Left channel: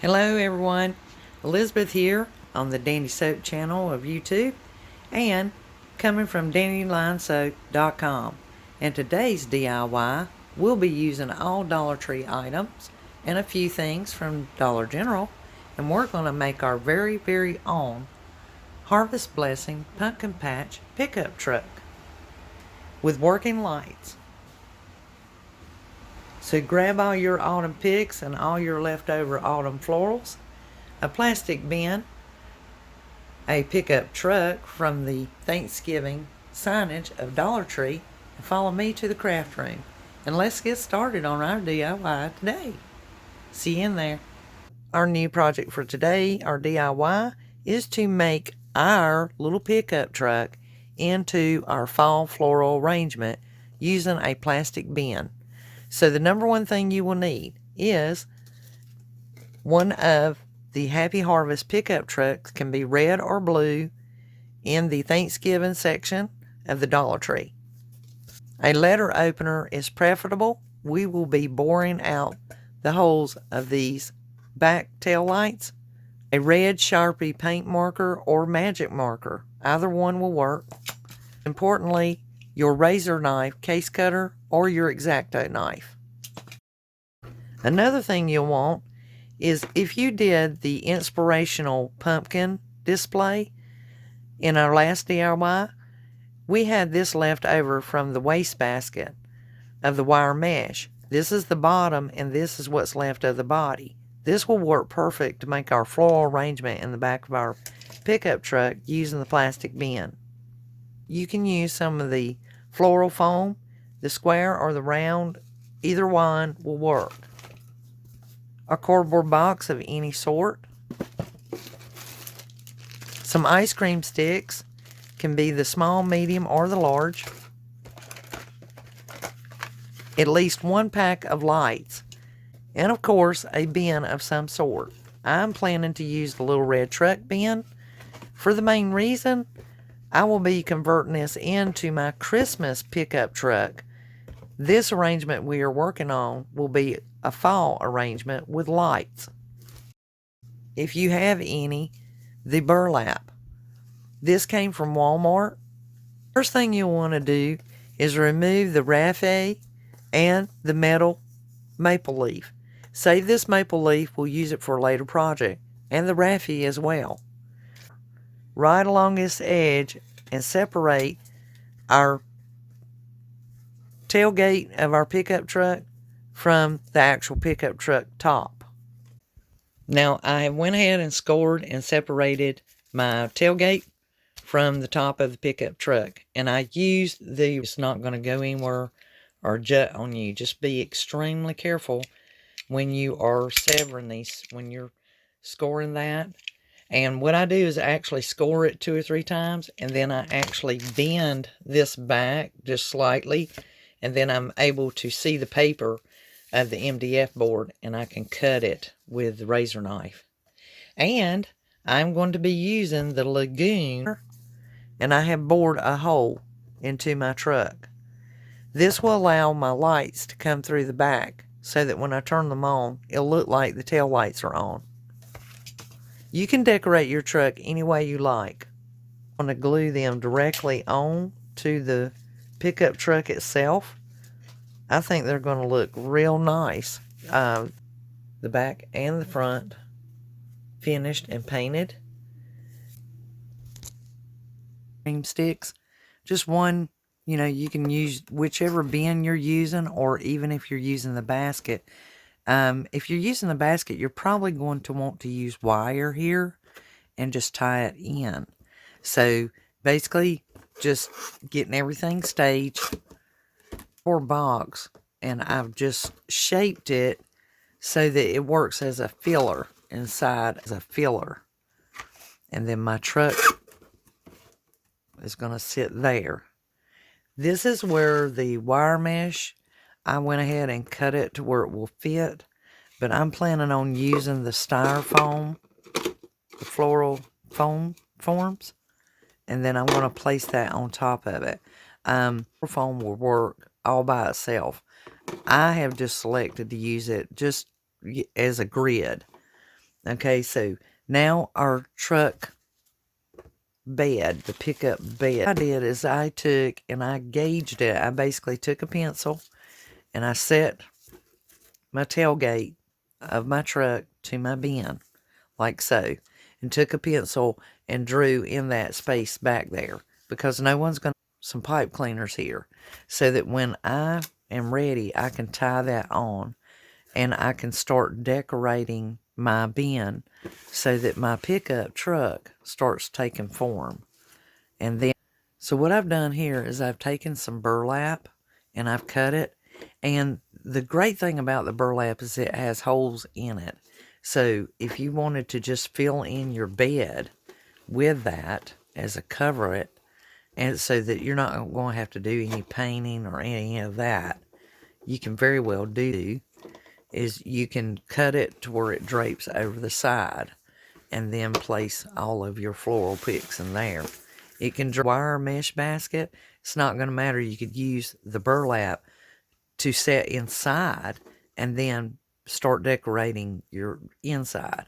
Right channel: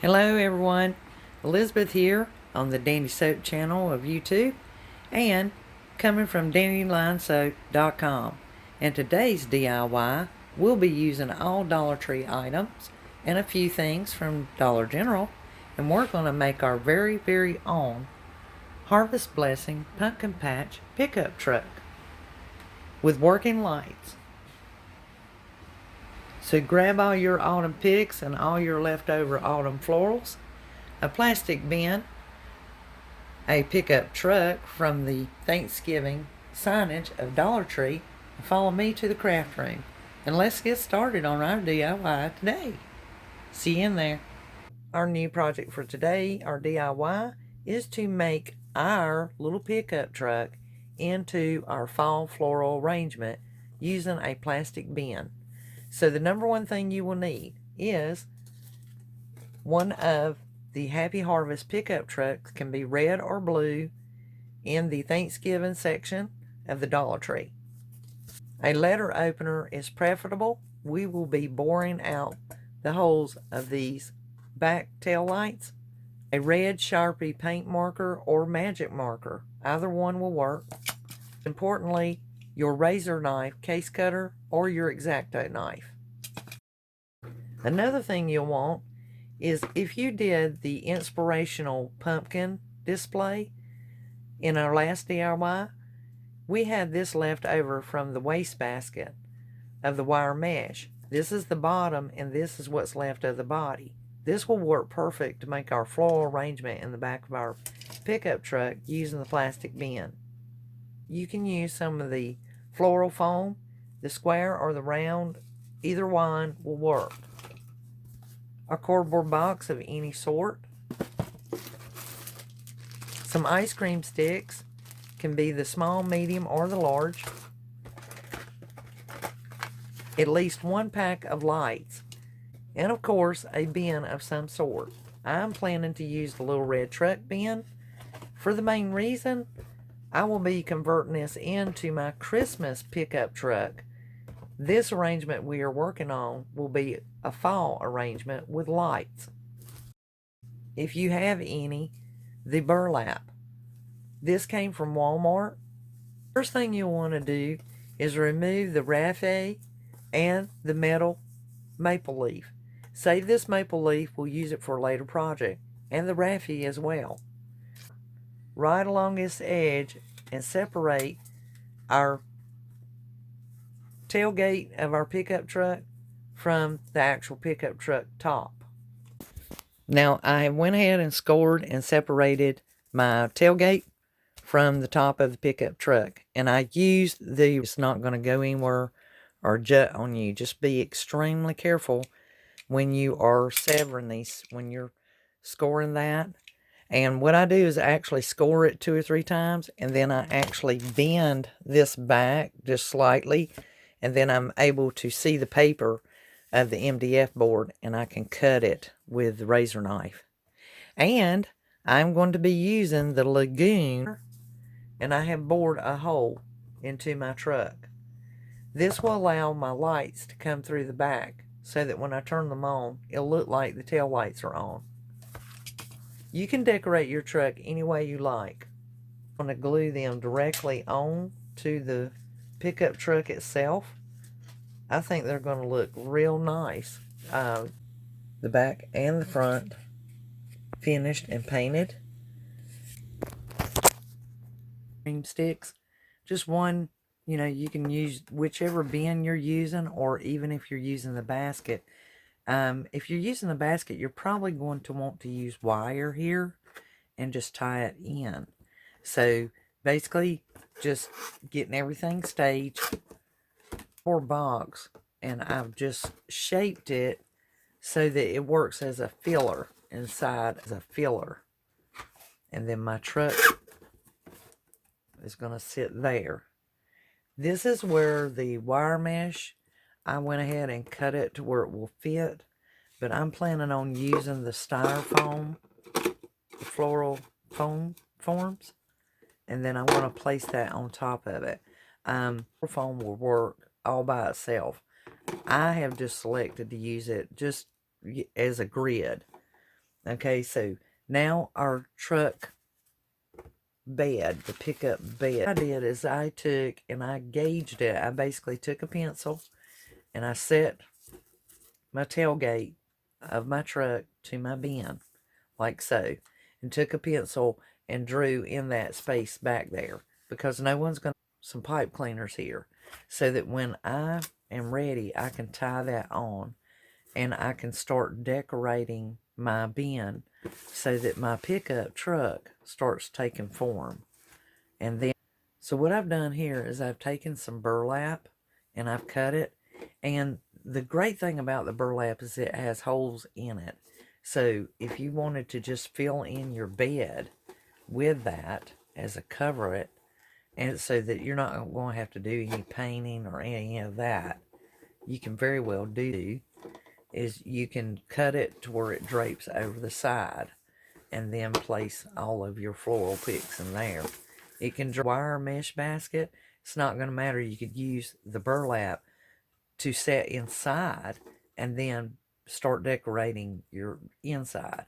Hello everyone, Elizabeth here on the Dandysoap Channel of YouTube and coming from dandysoap.com. And today's DIY, we'll be using all Dollar Tree items and a few things from Dollar General, and we're going to make our very own Harvest Blessing Pumpkin Patch pickup truck with working lights. So grab all your autumn picks and all your leftover autumn florals, a plastic bin, a pickup truck from the Thanksgiving signage of Dollar Tree, and follow me to the craft room. And let's get started on our DIY today. See you in there. Our new project for today, our DIY, is to make our little pickup truck into our fall floral arrangement using a plastic bin. So the number one thing you will need is one of the Happy Harvest pickup trucks, can be red or blue, in the Thanksgiving section of the Dollar Tree. A letter opener is preferable. We will be boring out the holes of these back tail lights. A red Sharpie paint marker or magic marker, either one will work. Importantly, your razor knife, case cutter, or your X-Acto knife. Another thing you'll want is, if you did the inspirational pumpkin display in our last DIY, we had this left over from the wastebasket of the wire mesh. This is the bottom and this is what's left of the body. This will work perfect to make our floral arrangement in the back of our pickup truck using the plastic bin. You can use some of the floral foam, the square or the round, either one will work. A cardboard box of any sort. Some ice cream sticks, can be the small, medium, or the large. At least one pack of lights. And of course, a bin of some sort. I'm planning to use the little red truck bin for the main reason I will be converting this into my Christmas pickup truck. This arrangement we are working on will be a fall arrangement with lights. If you have any, the burlap. This came from Walmart. First thing you'll want to do is remove the raffia and the metal maple leaf. Save this maple leaf, we'll use it for a later project, and the raffia as well. Right along this edge and separate our tailgate of our pickup truck from the actual pickup truck top. Now I went ahead and scored and separated my tailgate from the top of the pickup truck, and I used the, it's not going to go anywhere or jut on you. Just be extremely careful when you are severing these, when you're scoring that. And what I do is I actually score it 2 or 3 times, and then I actually bend this back just slightly, and then I'm able to see the paper of the MDF board, and I can cut it with the razor knife. And I'm going to be using the lagoon, and I have bored a hole into my truck. This will allow my lights to come through the back so that when I turn them on, it'll look like the tail lights are on. You can decorate your truck any way you like. I'm going to glue them directly on to the pickup truck itself. I think they're going to look real nice. The back and the front finished and painted. Cream sticks, just one. You know, you can use whichever bin you're using, or even if you're using the basket. If you're using the basket, you're probably going to want to use wire here and just tie it in. So basically, just getting everything staged for a box, and I've just shaped it so that it works as a filler inside, as a filler. And then my truck is going to sit there. This is where the wire mesh, I went ahead and cut it to where it will fit, but I'm planning on using the styrofoam, the floral foam forms, and then I want to place that on top of it. Foam will work all by itself. I have just selected to use it just as a grid. Okay, so now our truck bed, the pickup bed. What I did is I took and I gauged it. I basically took a pencil and I set my tailgate of my truck to my bin, like so, and took a pencil and drew in that space back there, because no one's going to some pipe cleaners here, so that when I am ready, I can tie that on and I can start decorating my bin so that my pickup truck starts taking form. And then, so what I've done here is I've taken some burlap and I've cut it. And the great thing about the burlap is it has holes in it. So if you wanted to just fill in your bed with that as a cover it, and so that you're not going to have to do any painting or any of that, you can very well do is you can cut it to where it drapes over the side and then place all of your floral picks in there. It can wire mesh basket. It's not going to matter. You could use the burlap to set inside and then start decorating your inside.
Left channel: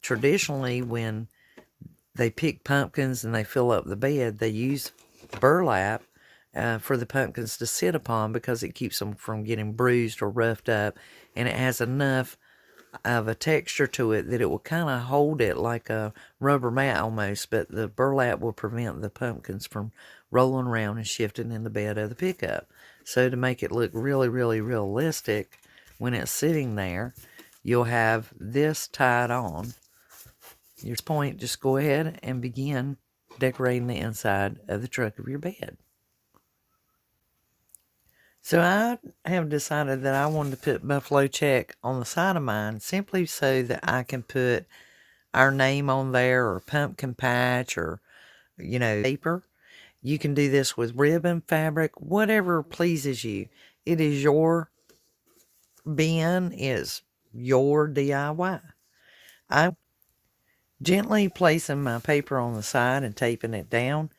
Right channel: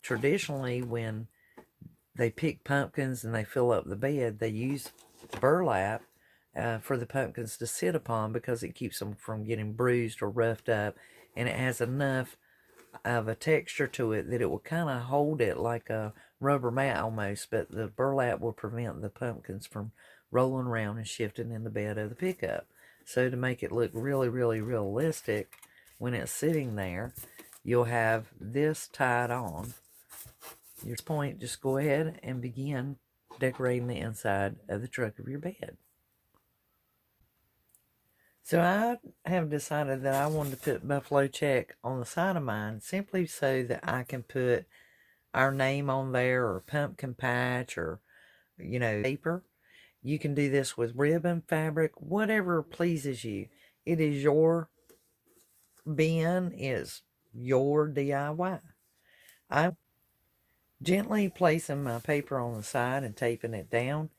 Traditionally, when they pick pumpkins and they fill up the bed, they use burlap for the pumpkins to sit upon, because it keeps them from getting bruised or roughed up, and it has enough of a texture to it that it will kind of hold it like a rubber mat almost, but the burlap will prevent the pumpkins from rolling around and shifting in the bed of the pickup. So to make it look really, really realistic, when it's sitting there, you'll have this tied on. At this point, just go ahead and begin decorating the inside of the truck of your bed. So I have decided that I wanted to put Buffalo Check on the side of mine, simply so that I can put our name on there, or pumpkin patch, or, paper. You can do this with ribbon, fabric, whatever pleases you. It is your bin, is your DIY. I'm gently placing my paper on the side and taping it down.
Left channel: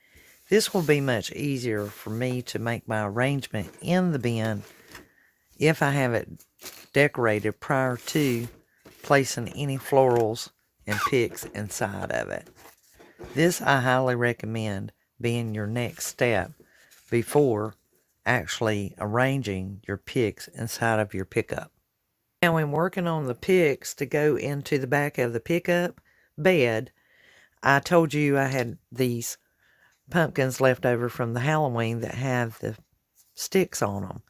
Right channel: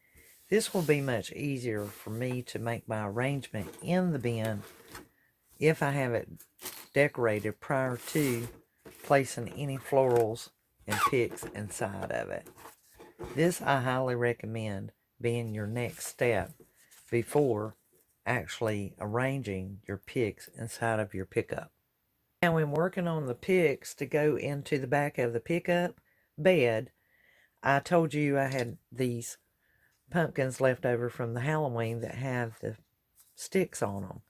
This will be much easier for me to make my arrangement in the bin if I have it decorated prior to placing any florals and picks inside of it. This I highly recommend being your next step before actually arranging your picks inside of your pickup. Now, when working on the picks to go into the back of the pickup bed, I told you I had these pumpkins left over from the Halloween that have the sticks on them.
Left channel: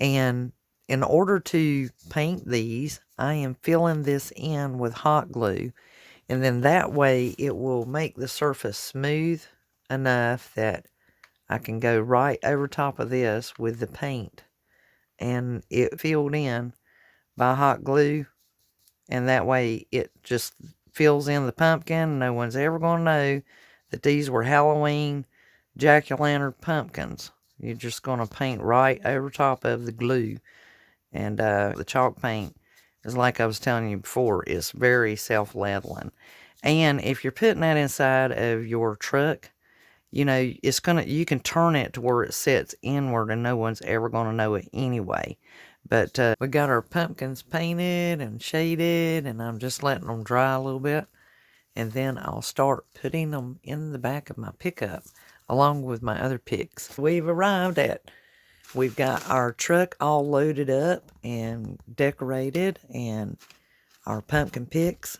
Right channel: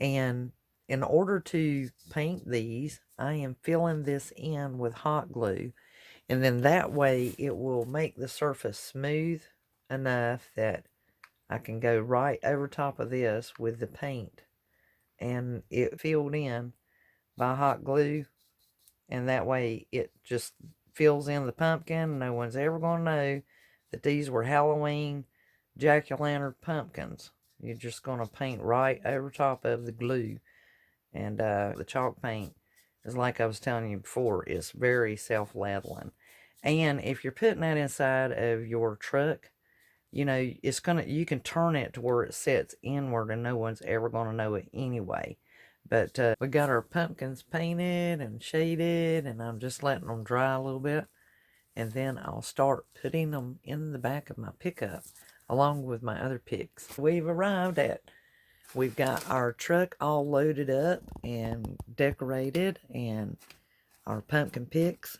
And in order to paint these, I am filling this in with hot glue. And then that way it will make the surface smooth enough that I can go right over top of this with the paint. And it filled in by hot glue. And that way it just fills in the pumpkin. No one's ever going to know that these were Halloween jack-o'-lantern pumpkins. You're just going to paint right over top of the glue. And the chalk paint is, like I was telling you before, is very self-leveling. And if you're putting that inside of your truck, you can turn it to where it sets inward and no one's ever going to know it anyway. But we got our pumpkins painted and shaded, and I'm just letting them dry a little bit. And then I'll start putting them in the back of my pickup along with my other picks. We've got our truck all loaded up and decorated, and our pumpkin picks.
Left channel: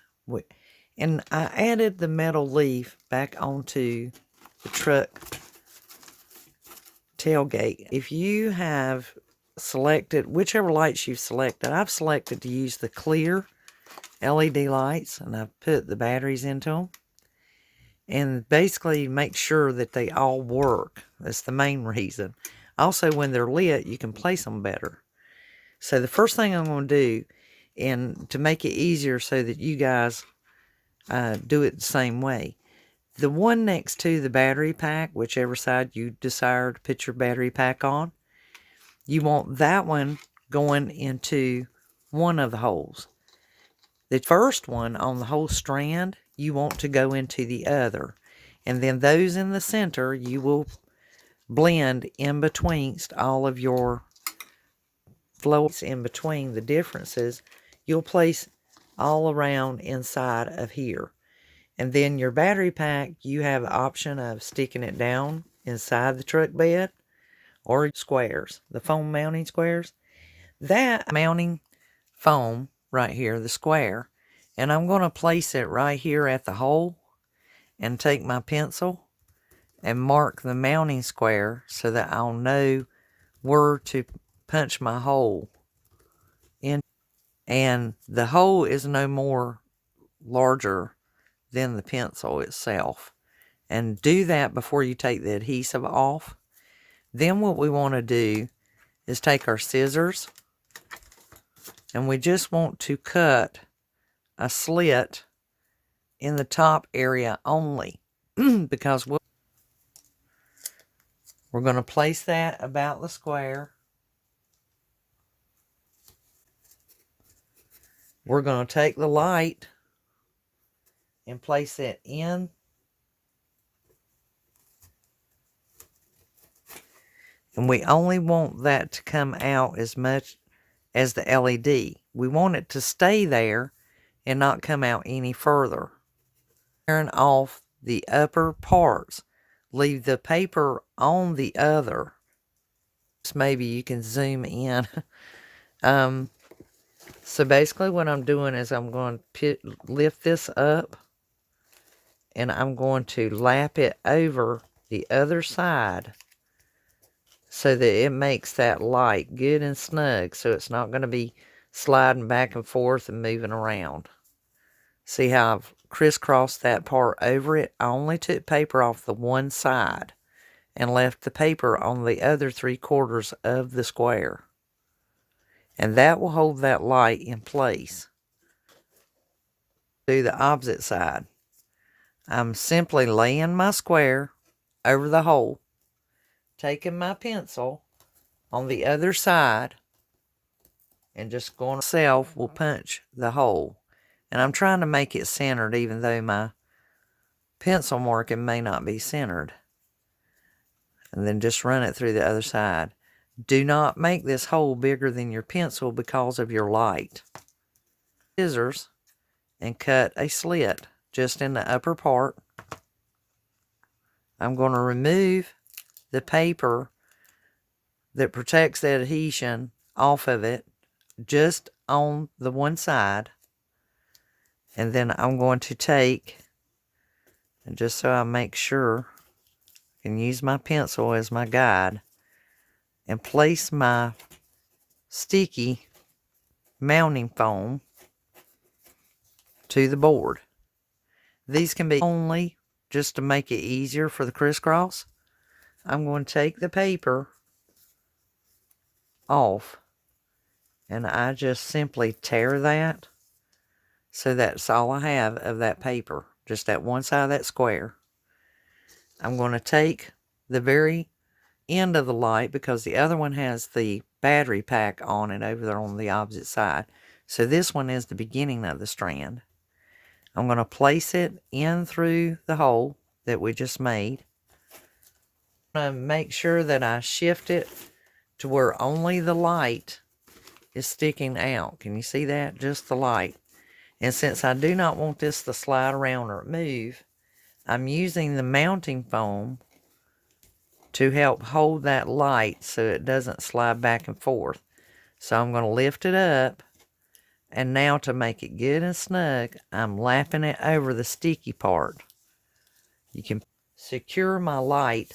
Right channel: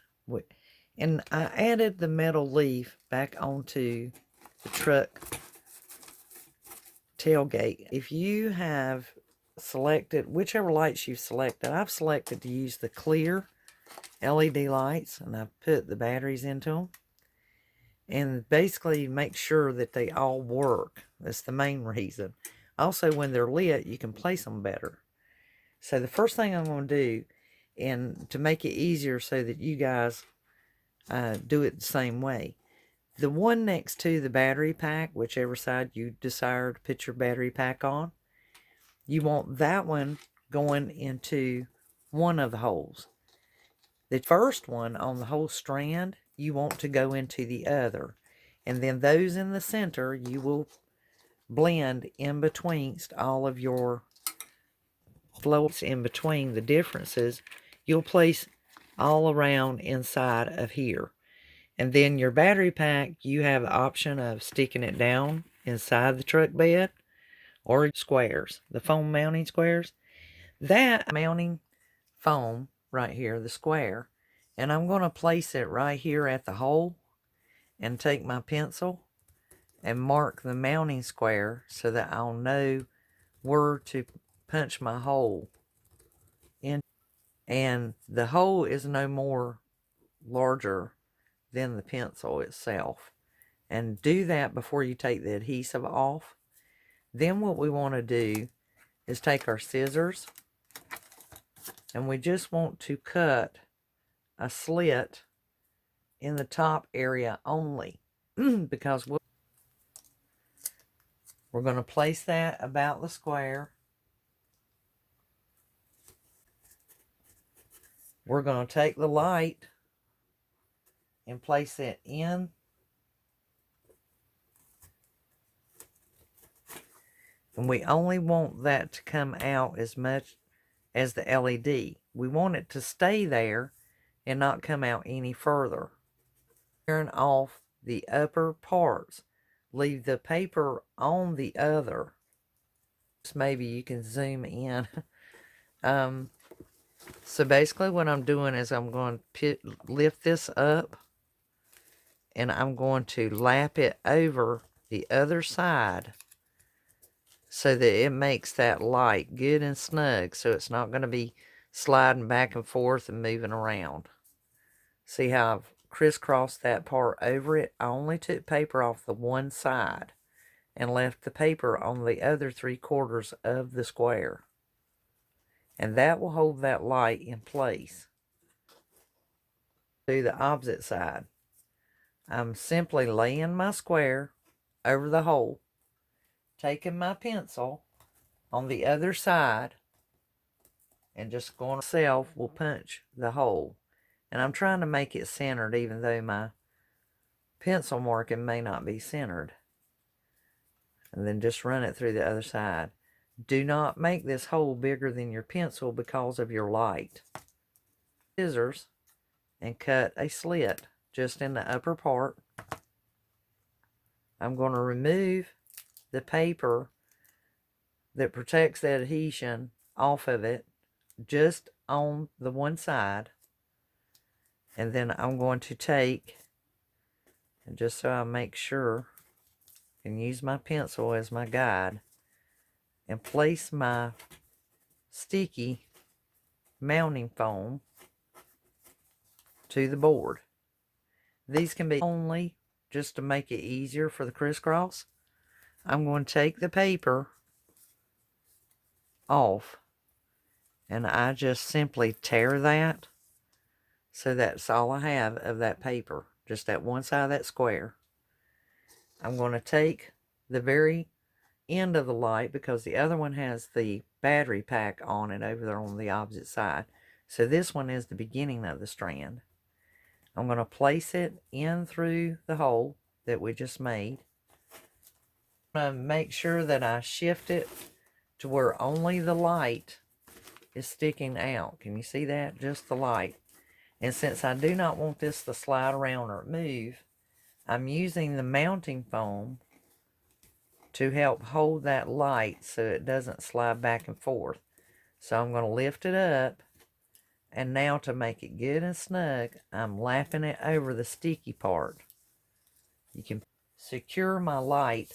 And I added the metal leaf back onto the truck tailgate. If you have selected, whichever lights you've selected, I've selected to use the clear LED lights, and I've put the batteries into them. And basically make sure that they all work. That's the main reason. Also, when they're lit, you can place them better. So the first thing I'm going to do, and to make it easier so that you guys do it the same way, the one next to the battery pack, whichever side you desire to put your battery pack on, you want that one going into one of the holes. The first one on the whole strand, you want to go into the other. And then those in the center, you will blend in betweenst all of your flows in between the differences. You'll place all around inside of here. And then your battery pack, you have the option of sticking it down inside the truck bed or squares, the foam mounting squares. That mounting foam right here, the square, and I'm going to place it right here at the hole and take my pencil and mark the mounting square so that I'll know where to punch my hole in. And the hole is no more larger than the pencil itself. And do that before you take the adhesive off. Then what we want to do is take our scissors, and we just want to cut a slit in the top area only because we're going to place that about the square. We're going to take the light and place it in. And we only want that to come out as much as the LED. We want it to stay there and not come out any further. Turn off the upper parts. Leave the paper on the other. Maybe you can zoom in. So basically what I'm doing is I'm going to lift this up, and I'm going to lap it over the other side so that it makes that light good and snug, so it's not going to be sliding back and forth and moving around. See how I've crisscrossed that part over it? I only took paper off the one side and left the paper on the other 3/4 of the square. And that will hold that light in place. Do the opposite side. I'm simply laying my square over the hole, taking my pencil on the other side, and just going myself will punch the hole. And I'm trying to make it centered, even though my pencil marking may not be centered. And then just run it through the other side. Do not make this hole bigger than your pencil because of your light. Scissors and cut a slit just in the upper part. I'm going to remove the paper that protects the adhesion off of it just on the one side. And then I'm going to take, and just so I make sure, I can use my pencil as my guide, and place my sticky mounting foam to the board. These can be only just to make it easier for the crisscross. I'm going to take the paper off, and I just simply tear that, so that's all I have of that paper, just that one side of that square. I'm going to take the very end of the light, because the other one has the battery pack on it over there on the opposite side. So this one is the beginning of the strand. I'm going to place it in through the hole that we just made. I'm going to make sure that I shift it to where only the light is sticking out. Can you see that? Just the light. And since I do not want this to slide around or move, I'm using the mounting foam to help hold that light so it doesn't slide back and forth. So I'm going to lift it up, and now to make it good and snug, I'm lapping it over the sticky part. You can secure my light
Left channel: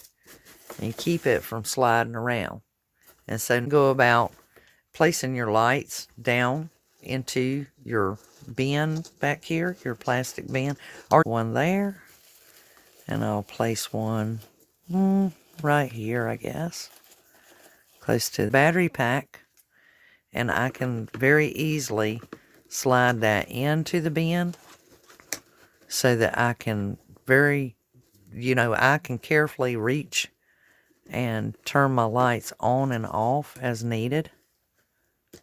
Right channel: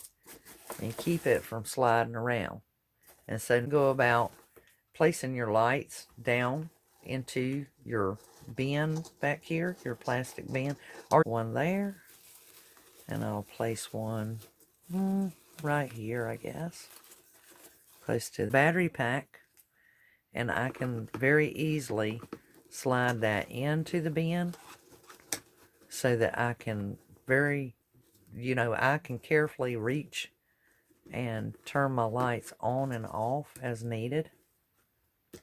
and keep it from sliding around. And so go about placing your lights down into your bin back here, your plastic bin, or one there. And I'll place one right here, I guess, close to the battery pack. And I can very easily slide that into the bin so that I can I can carefully reach and turn my lights on and off as needed.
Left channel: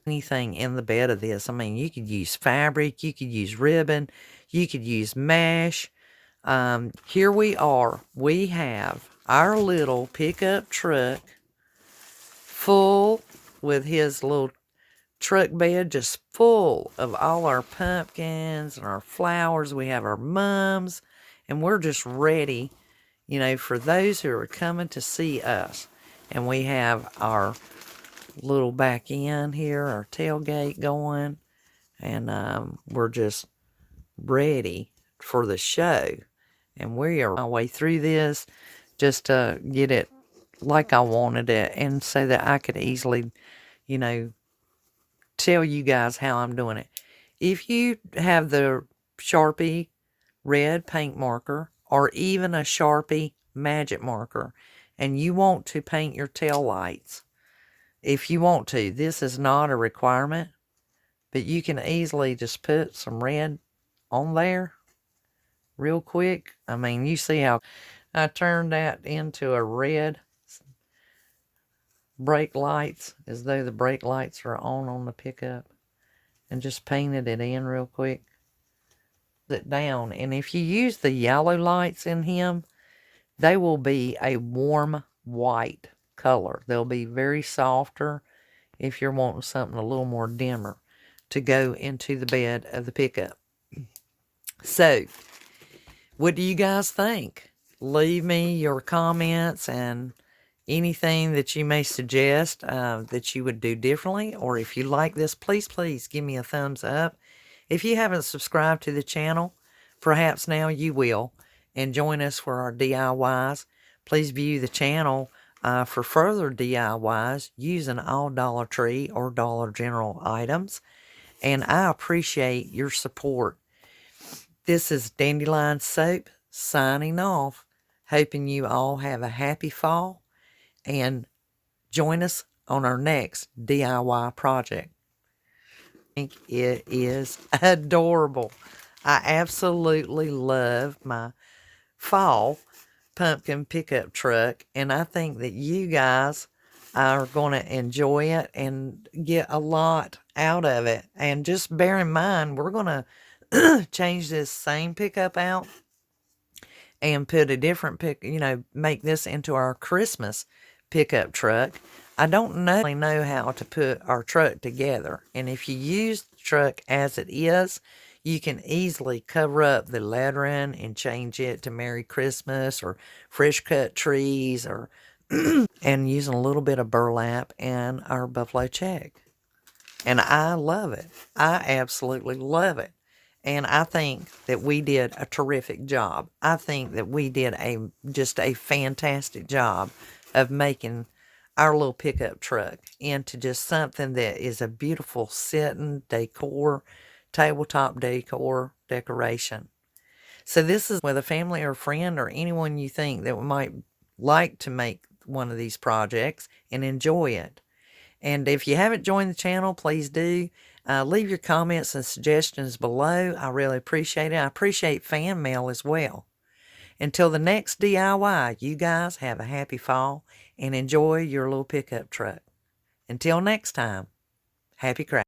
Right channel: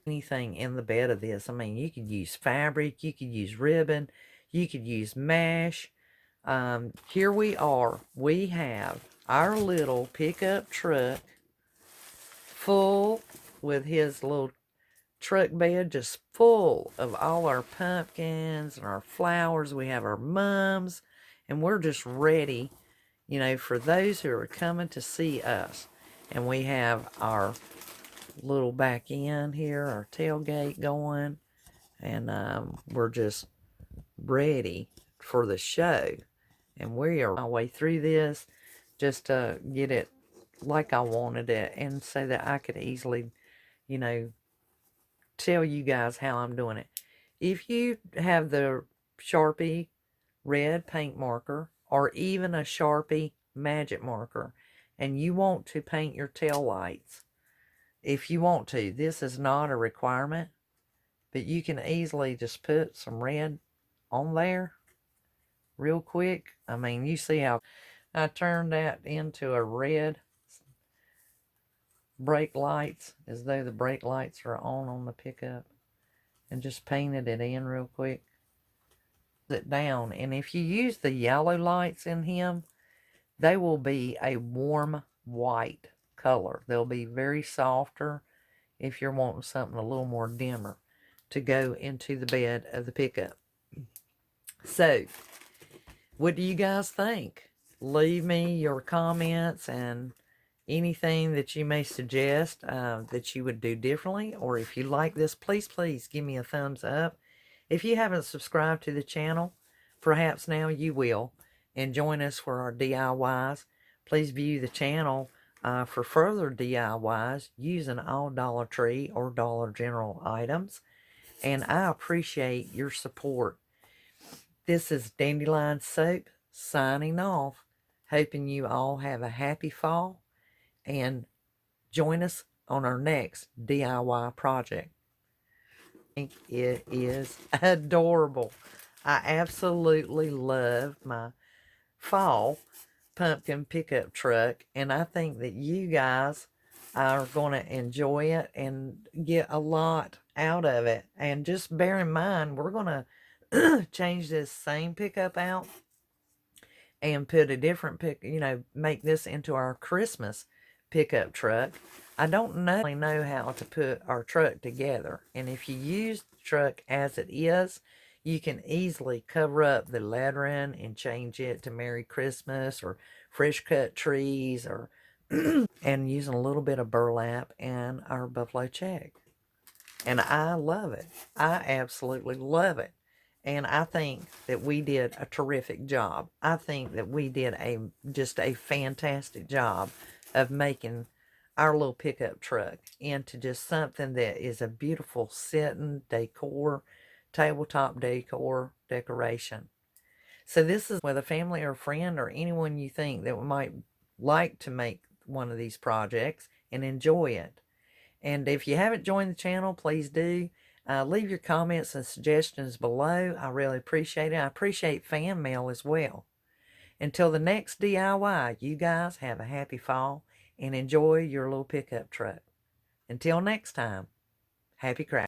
Anything in the bed of this, I mean, you could use fabric, you could use ribbon, you could use mesh. Here we are. We have our little pickup truck full with his little truck bed just full of all our pumpkins and our flowers. We have our mums, and we're just ready, you know, for those who are coming to see us. And we have our little back end here, our tailgate going, and we're just ready for the show. And we are our way through this just to get it like I wanted it, and so that I could easily, you know, tell you guys how I'm doing it. If you have the Sharpie red paint marker, or even a Sharpie magic marker, and you want to paint your tail lights, if you want to, this is not a requirement, but you can easily just put some red on there real quick. I mean, you see how I turned that into a red brake lights, as though the brake lights are on the pickup, and just painted it in real quick. It down, and if you use the yellow lights in him, they will be a warm white color. They'll be very softer if you're wanting something a little more dimmer to go into the bed of the pickup. So, what do you guys think? Leave me your comments and anything that you may suggest that you would do differently. Or if you like this, please give me a thumbs up. If you haven't subscribed to the channel, perhaps now you will, and join us for our DIYs. Please view the channel for further DIYs using all Dollar Tree or Dollar General items. And I appreciate your support. This is Dandelion Soap signing off, hoping you all have a happy fall, and join us on our next DIY project. I think it is adorable. I absolutely love my fall pumpkin pickup truck, and I think that you guys are going to enjoy it and get a lot out of it. And just bear in mind, we're going to change this same pickup out and put a different make this into our Christmas pickup truck. I don't know how to put our truck together, and if you use the truck as it is, you can easily cover up the lettering and change it to Merry Christmas or fresh cut trees, or and using a little bit of burlap and our buffalo check. And I love it. I absolutely love it. And I think that we did a terrific job. I think that we did just a fantastic job of making our little pickup truck into just something that is a beautiful sitting decor, tabletop decoration. So this is with a family or friend or anyone you think that might like to make one of these projects and enjoy it. And if you haven't joined the channel, please do. Leave your comments and suggestions below. I really appreciate it. I appreciate fan mail as well. Until the next DIY, you guys have a happy fall and enjoy your little pickup truck. Until next time, happy crafting.